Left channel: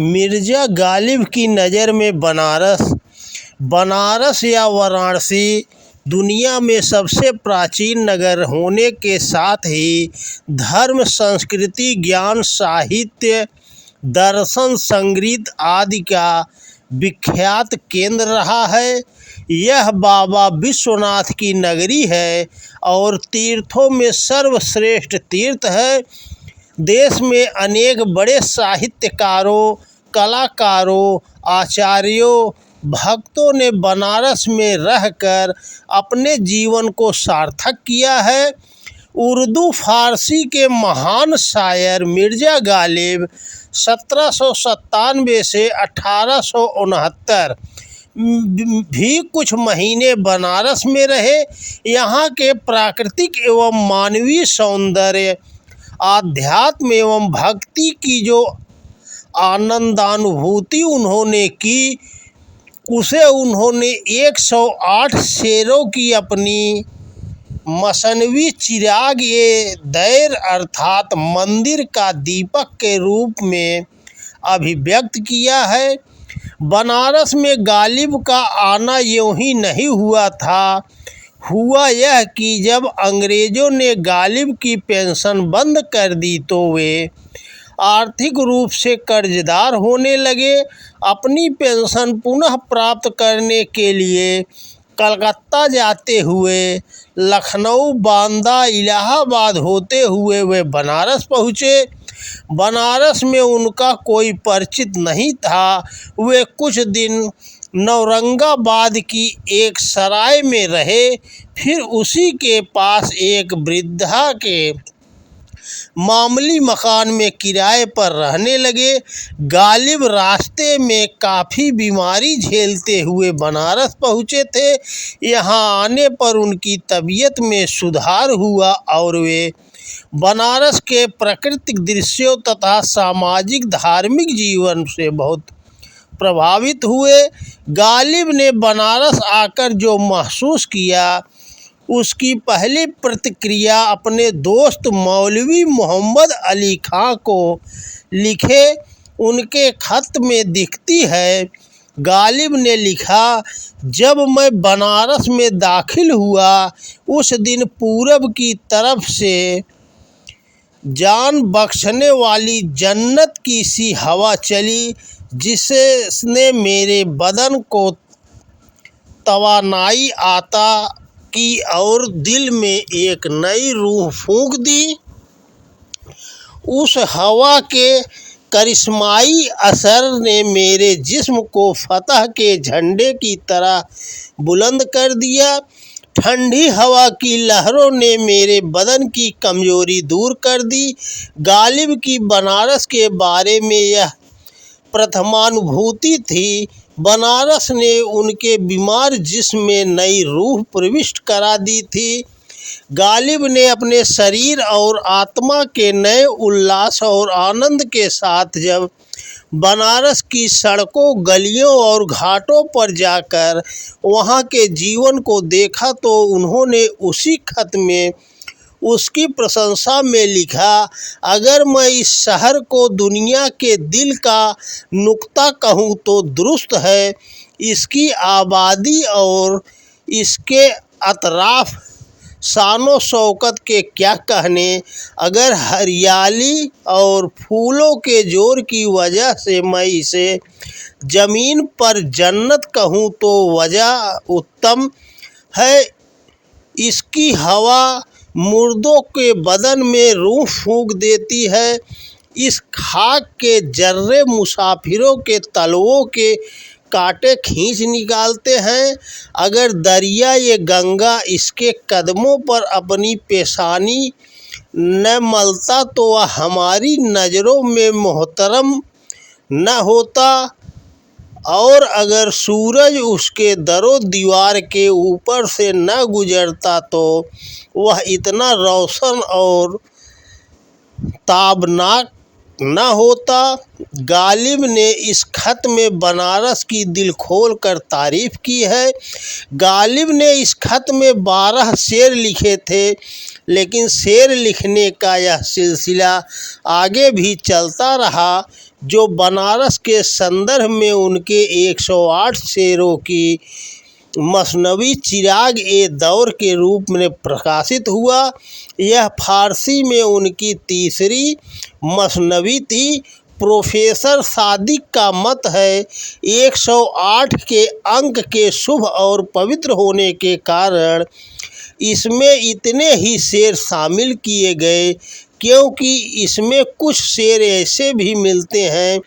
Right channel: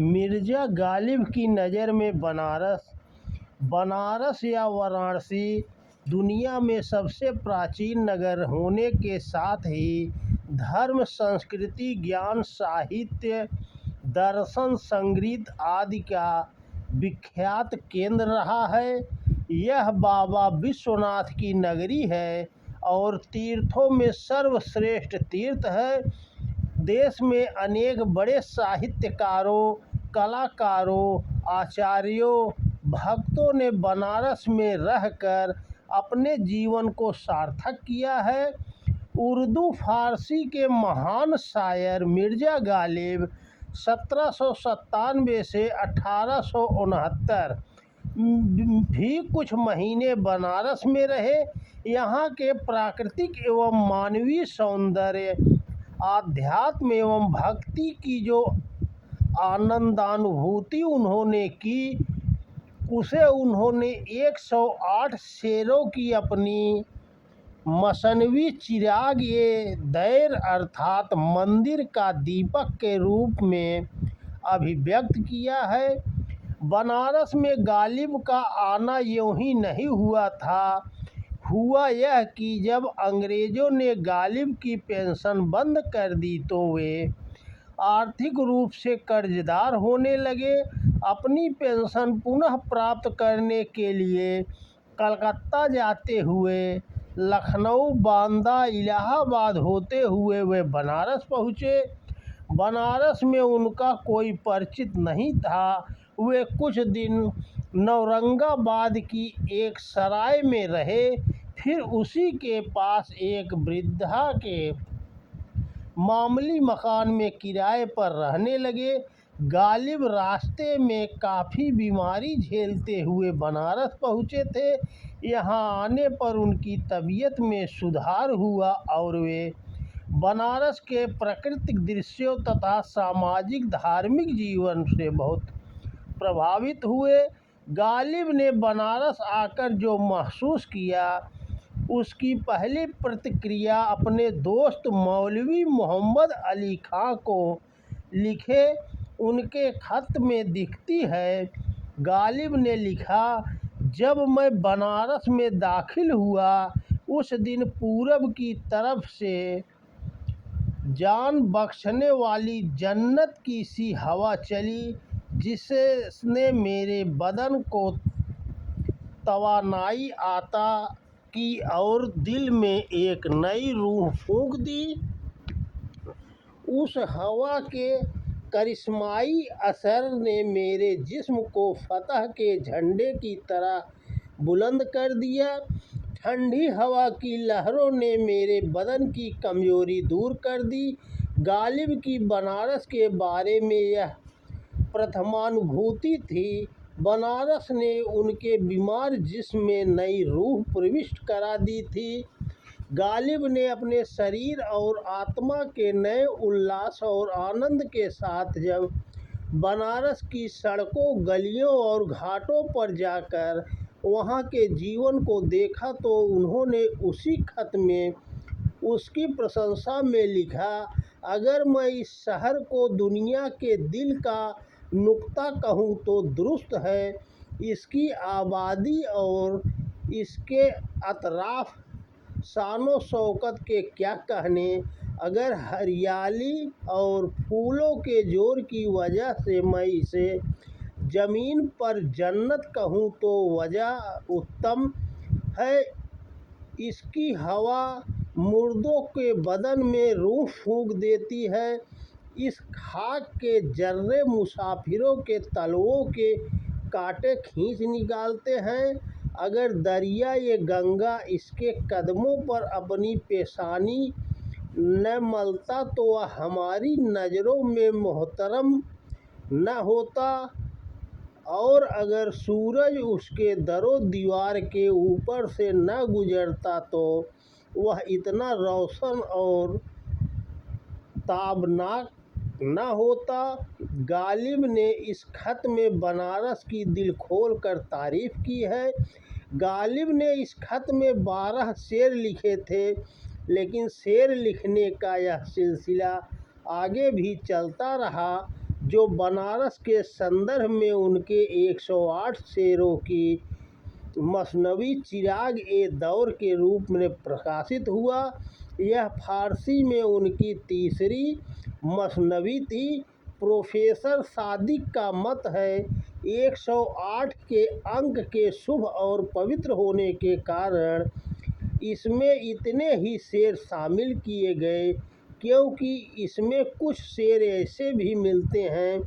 मिर्ज़ा गालिब की नज़र में बनारस या वाराणसी दुनिया में सबसे प्राचीन नगर होने के साथ ही धर्म, संस्कृति, ज्ञान, साहित्य, दर्शन, संगीत आदि का विख्यात केंद्र रहा है। यह बाबा विश्वनाथ की नगरी है और तीर्थों में सर्वश्रेष्ठ तीर्थ है। देश में अनेक बड़े साहित्यकारों, कलाकारों, आचार्यों, भक्तों ने बनारस में रहकर अपने जीवन को सार्थक किया है। उर्दू फारसी के महान शायर मिर्ज़ा गालिब 1797 से 1869 भी कुछ महीने बनारस में रहे। यहाँ के प्राकृतिक एवं मानवीय सौंदर्य, आध्यात्म एवं भक्ति की जो आनंदानुभूति उन्होंने की, उसे उन्होंने 108 शेरों की अपनी मसनवी चिराग ए दैर अर्थात मंदिर का दीपक के रूप में अभिव्यक्त किया है। बनारस में गालिब का आना यूं ही नहीं हुआ था। हुआ यह कि जब अंग्रेज़ों ने गालिब की पेंशन बंद कर दी तो वे आर्थिक रूप से कर्जदार होने लगे। अपनी पेंशन पुनः प्राप्त करने के लिए कलकत्ता जाते हुए लखनऊ, बांदा, इलाहाबाद होते हुए वे बनारस पहुँचे। बनारस में उनका कोई परिचित नहीं था। वे कुछ दिन नौरंगाबाद की एक सराय में रहे, फिर उसी के पास एक वृद्धा के मामूली मकान में किराए पर रहने लगे। गालिब रास्ते में काफ़ी बीमारी झेलते हुए बनारस पहुँचे थे। यहाँ आने पर उनकी तबीयत में सुधार हुआ और वे बनारस के प्राकृतिक दृश्यों तथा सामाजिक धार्मिक जीवन से बहुत प्रभावित हुए। गालिब ने बनारस आकर जो महसूस किया, उसकी पहली प्रतिक्रिया अपने दोस्त मौलवी मोहम्मद अली खां को लिखे उनके खत में दिखती है। गालिब ने लिखा, जब मैं बनारस में दाखिल हुआ उस दिन पूरब की तरफ से जान बख्शने वाली जन्नत की सी हवा चली, जिसने मेरे बदन को तवानाई आता की और दिल में एक नई रूह फूंक दी। उस हवा के करिश्माई असर ने मेरे जिस्म को फतह के झंडे की तरह बुलंद कर दिया। ठंडी हवा की लहरों ने मेरे बदन की कमजोरी दूर कर दी। गालिब की बनारस के बारे में यह प्रथमानुभूति थी। बनारस ने उनके बीमार जिस्म में नई रूह प्रविष्ट करा दी थी। गालिब ने अपने शरीर और आत्मा के नए उल्लास और आनंद के साथ जब बनारस की सड़कों, गलियों और घाटों पर जाकर वहाँ के जीवन को देखा तो उन्होंने उसी खत में उसकी प्रशंसा में लिखा, अगर मैं इस शहर को दुनिया के दिल का नुक्ता कहूँ तो दुरुस्त है। इसकी आबादी और इसके अतराफ शानो शौकत के क्या कहने। अगर हरियाली और फूलों के जोर की वजह से मैं इसे ज़मीन पर जन्नत कहूँ तो वजह उत्तम है। इसकी हवा मुर्दों के बदन में रूह फूंक देती है। इस खाक के जर्रे मुसाफिरों के तलवों के कांटे खींच निकालते हैं। अगर दरिया ये गंगा इसके कदमों पर अपनी पेशानी न मलता तो वह हमारी नज़रों में मोहतरम न होता, और अगर सूरज उसके दरो दीवार के ऊपर से न गुजरता तो वह इतना रोशन और ताबनाक न होता। गालिब ने इस खत में बनारस की दिल खोल कर तारीफ़ की है। गालिब ने इस खत में 12 शेर लिखे थे, लेकिन शेर लिखने का यह सिलसिला आगे भी चलता रहा। जो बनारस के संदर्भ में उनके 108 शेरों की मसनवी चिराग ए दौर के रूप में प्रकाशित हुआ। यह फारसी में उनकी तीसरी मसनवी थी। प्रोफेसर सादिक का मत है 108 के अंक के शुभ और पवित्र होने के कारण इसमें इतने ही शेर शामिल किए गए, क्योंकि इसमें कुछ शेर ऐसे भी मिलते हैं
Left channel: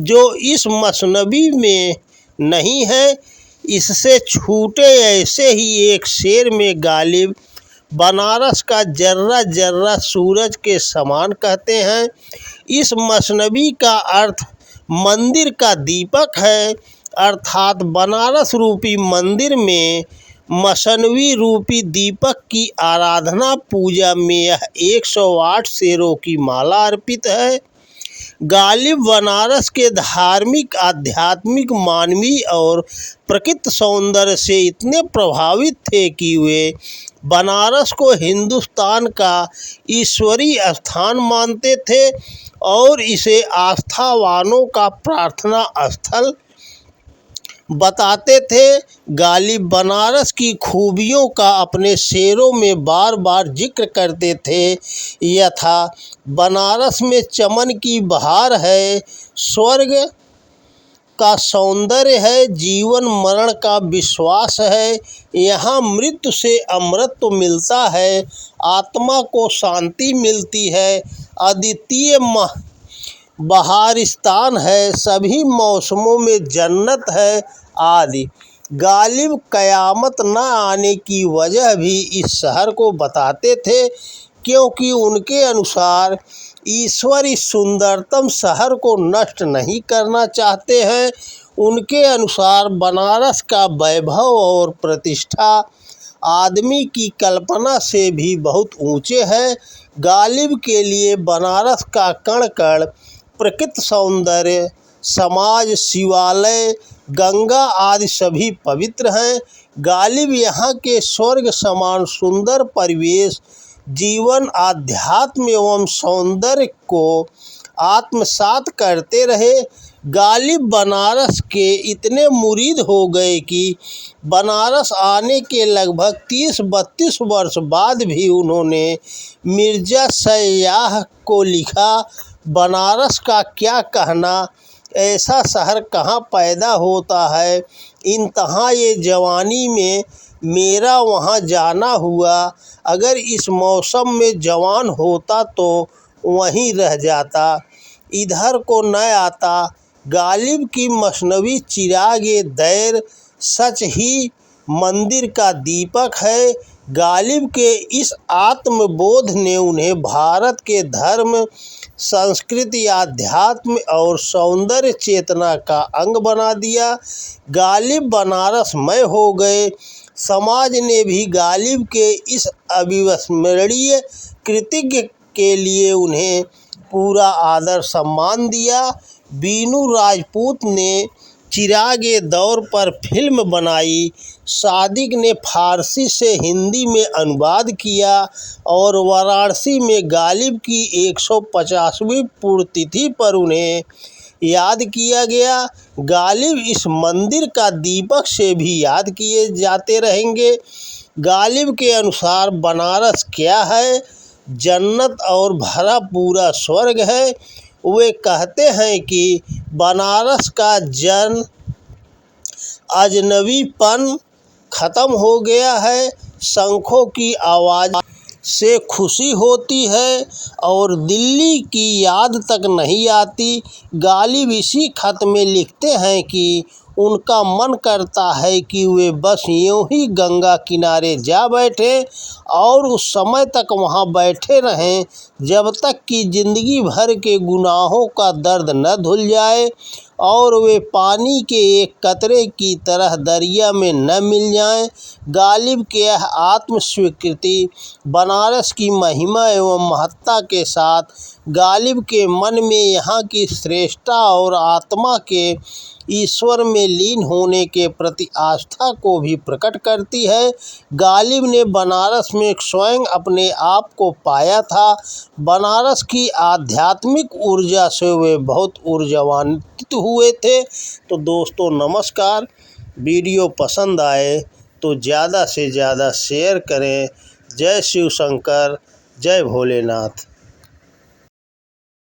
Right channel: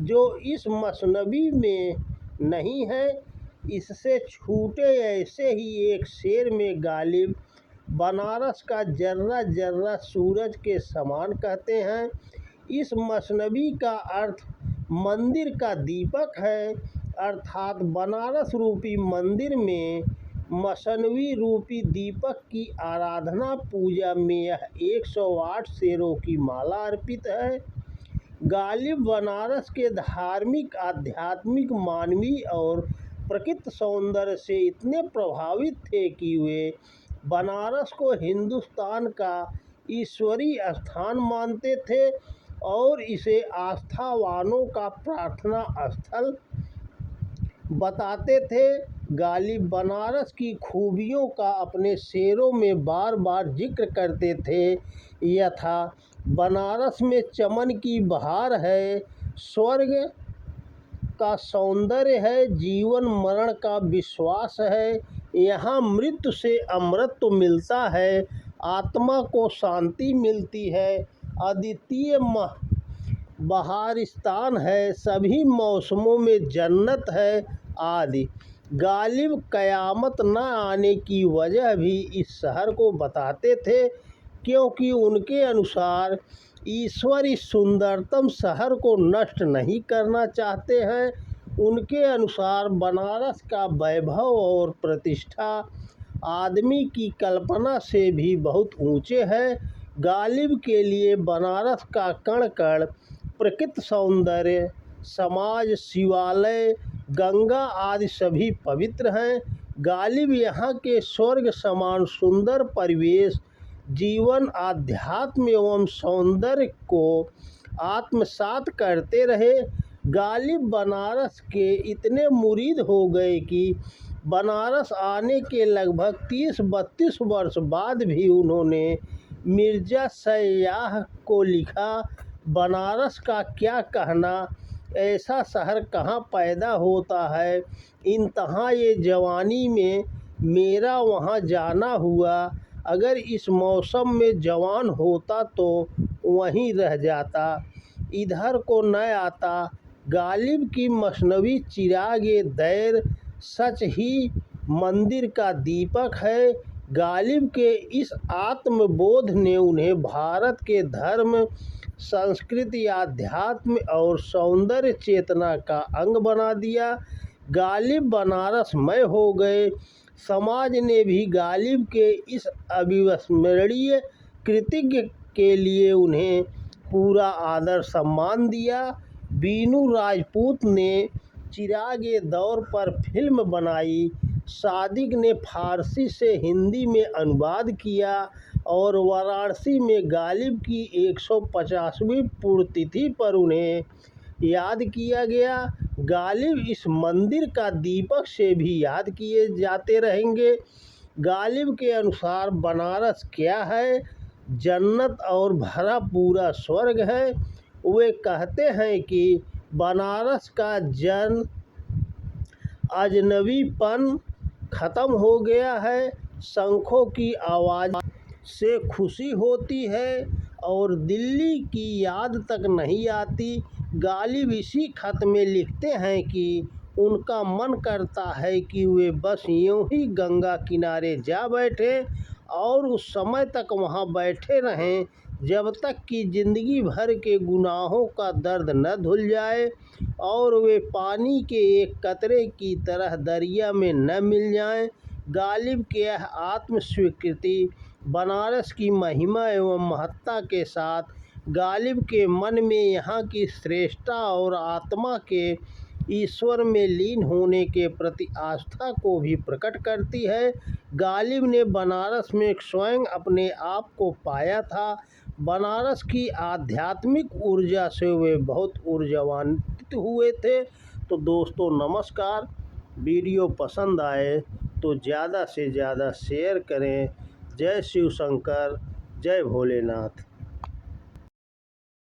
जो इस मसनवी में नहीं है। इससे छूटे ऐसे ही एक शेर में गालिब बनारस का जर्रा जर्रा सूरज के समान कहते हैं। इस मसनवी का अर्थ मंदिर का दीपक है, अर्थात बनारस रूपी मंदिर में मसनवी रूपी दीपक की आराधना पूजा में यह 108 शेरों की माला अर्पित है। गालिब बनारस के धार्मिक, आध्यात्मिक, मानवीय और प्रकृति सौंदर्य से इतने प्रभावित थे कि वे बनारस को हिंदुस्तान का ईश्वरीय स्थान मानते थे और इसे आस्थावानों का प्रार्थना स्थल बताते थे। गालिब बनारस की खूबियों का अपने शेरों में बार बार जिक्र करते थे, यथा बनारस में चमन की बहार है, स्वर्ग का सौंदर्य है, जीवन मरण का विश्वास है, यहाँ मृत्यु से अमृत मिलता है, आत्मा को शांति मिलती है, अद्वितीय बहारिस्तान है, सभी मौसमों में जन्नत है आदि। गालिब क़यामत न आने की वजह भी इस शहर को बताते थे, क्योंकि उनके अनुसार ईश्वर इस सुंदरतम शहर को नष्ट नहीं करना चाहते हैं। उनके अनुसार बनारस का वैभव और प्रतिष्ठा आदमी की कल्पना से भी बहुत ऊंचे है। गालिब के लिए बनारस का कण कण, प्रकृति सौंदर्य, समाज, शिवालय, गंगा आदि सभी पवित्र हैं। गालिब यहाँ के स्वर्ग समान सुंदर परिवेश, जीवन, आध्यात्म एवं सौंदर्य को आत्मसात करते रहे। गालिब बनारस के इतने मुरीद हो गए कि बनारस आने के लगभग 30-32 वर्ष बाद भी उन्होंने मिर्ज़ा सयाह को लिखा, बनारस का क्या कहना, ऐसा शहर कहाँ पैदा होता है, इंतहा ये जवानी में मेरा वहाँ जाना हुआ, अगर इस मौसम में जवान होता तो वहीं रह जाता, इधर को न आता। गालिब की मसनवी चिराग ए दैर सच ही मंदिर का दीपक है। गालिब के इस आत्मबोध ने उन्हें भारत के धर्म, संस्कृति, आध्यात्म और सौंदर्य चेतना का अंग बना दिया। गालिब बनारसमय हो गए। समाज ने भी गालिब के इस अविस्मरणीय कृतिज्ञ के लिए उन्हें पूरा आदर सम्मान दिया। बीनू राजपूत ने चिराग ए दौर पर फिल्म बनाई। सादिक ने फारसी से हिंदी में अनुवाद किया और वाराणसी में गालिब की 150वीं पुण्यतिथि पर उन्हें याद किया गया। गालिब इस मंदिर का दीपक से भी याद किए जाते रहेंगे। गालिब के अनुसार बनारस क्या है? जन्नत और भरा पूरा स्वर्ग है। वे कहते हैं कि बनारस का अजनबीपन ख़त्म हो गया है, शंखों की आवाज़ से खुशी होती है और दिल्ली की याद तक नहीं आती। गालिब इसी खत में लिखते हैं कि उनका मन करता है कि वे बस यूं ही गंगा किनारे जा बैठें और उस समय तक वहां बैठे रहें जब तक कि ज़िंदगी भर के गुनाहों का दर्द न धुल जाए और वे पानी के एक कतरे की तरह दरिया में न मिल जाएं। गालिब के यह आत्मस्वीकृति बनारस की महिमा एवं महत्ता के साथ गालिब के मन में यहाँ की श्रेष्ठता और आत्मा के ईश्वर में लीन होने के प्रति आस्था को भी प्रकट करती है। गालिब ने बनारस में स्वयं अपने आप को पाया था। बनारस की आध्यात्मिक ऊर्जा से वे बहुत ऊर्जान्वित हुए थे। तो दोस्तों नमस्कार, वीडियो पसंद आए तो ज़्यादा से ज़्यादा शेयर करें। जय शिव शंकर, जय भोलेनाथ।